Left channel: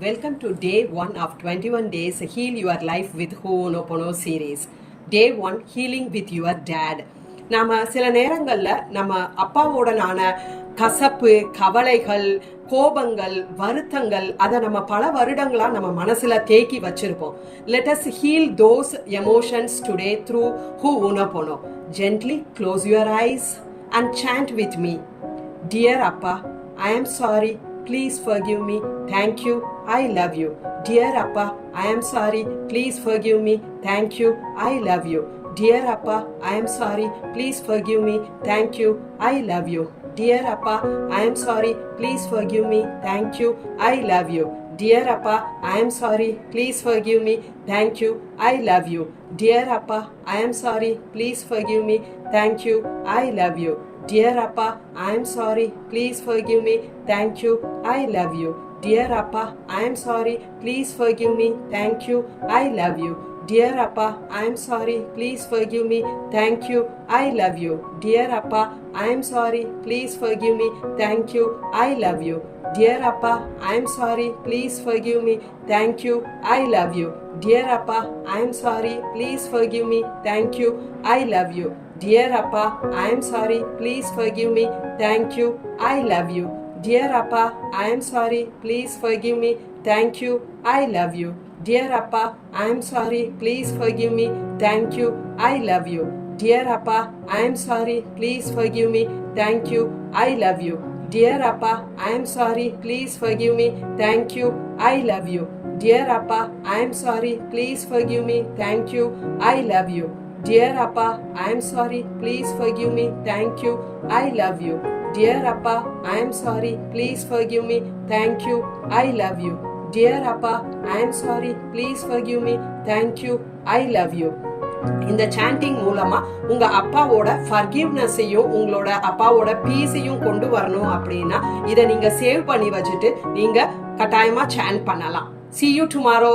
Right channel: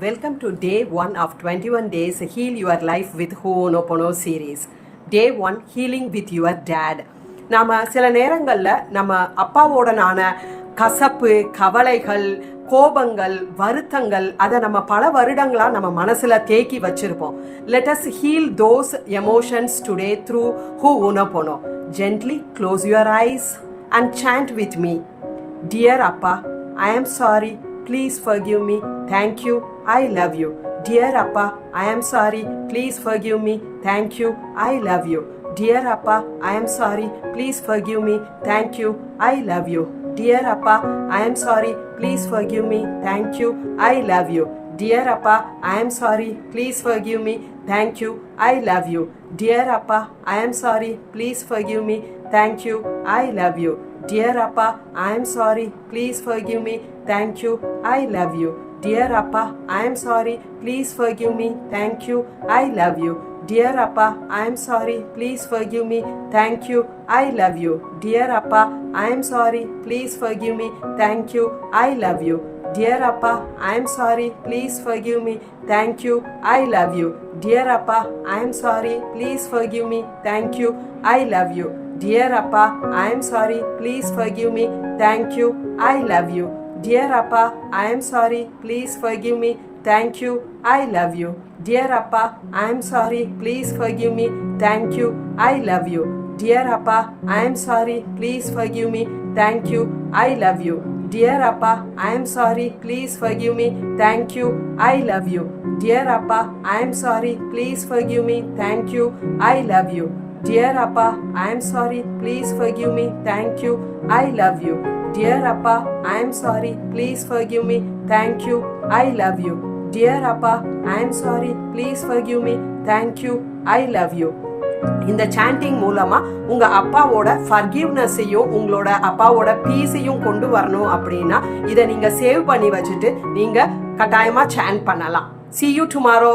Welcome to day 1 of 21 days Heal Your Life with Ho'onopono series. Day 1 Healing with Your Dad. நாம சில நேரங்களில் நம்ம அப்பாவோடனான கசப்பு, கவலைகள், கோபங்கள், வருத்தங்கள் அதை நம்ம பல வருடங்களா நம்ம மனசுல தேக்கி வச்சிருப்போம். Let us heal those emotions today through Ho'onopono. Gently close your eyes and chant with me. Dear Appa, I am sorry. Please forgive me. Thank you. I love you. Dear Appa, I am sorry. Please forgive me. Thank you. I love you. Dear Appa, I am sorry. Please forgive me. Thank you. I love you. Dear Appa, I am sorry. Please forgive me. Thank you. I love you. Dear Appa, I am sorry. Please forgive me. Thank you. I love you. Dear Appa, I am sorry. Please forgive me. Thank you. I love you. Dear Appa, I am sorry. Please forgive me. Thank you. I love you. Dear Appa, I am sorry. Please forgive me. Thank you. I love you. Dear Appa, I am sorry. Please forgive me. Thank you. I love you. Dear Appa, I am sorry. Please forgive me. Thank you. I love you. Dear Appa, I am sorry. Please forgive me. Thank you. I love you. Dear Appa, I am sorry. Please forgive me. Thank you. I love you. Dear Appa, I am sorry. Please forgive me. Thank you. I love you. Dear Appa, I am sorry. Please forgive me. Thank you. I love you. Dear Appa, I am sorry. Please forgive me. Thank you. I love you. Dear Appa, I am sorry. Please forgive me. Thank you. I love you. Dear Appa, I am sorry. Please forgive me. Thank you. I love you. Dear Appa, I am sorry. Please forgive me. Thank you. I love you. Dear Appa, I am sorry. Please forgive me. Thank you. I love you. Dear Appa, I am sorry. Please forgive me. Thank you. I love you. Dear Appa, I am sorry. Please forgive me. Thank you. I love you. இந்த sanding மூலமா உங்க அப்பாவோட ஃபர்கிவ்னஸையும் உங்களோட அப்பாவோட பீஸையும் கொண்டு வரணும் அப்படின்னா இதை நீங்க சேவ் பண்ணி வச்சுட்டு நீங்க கட்டாயமா சாண்ட் பண்ணலாம். See you tomorrow.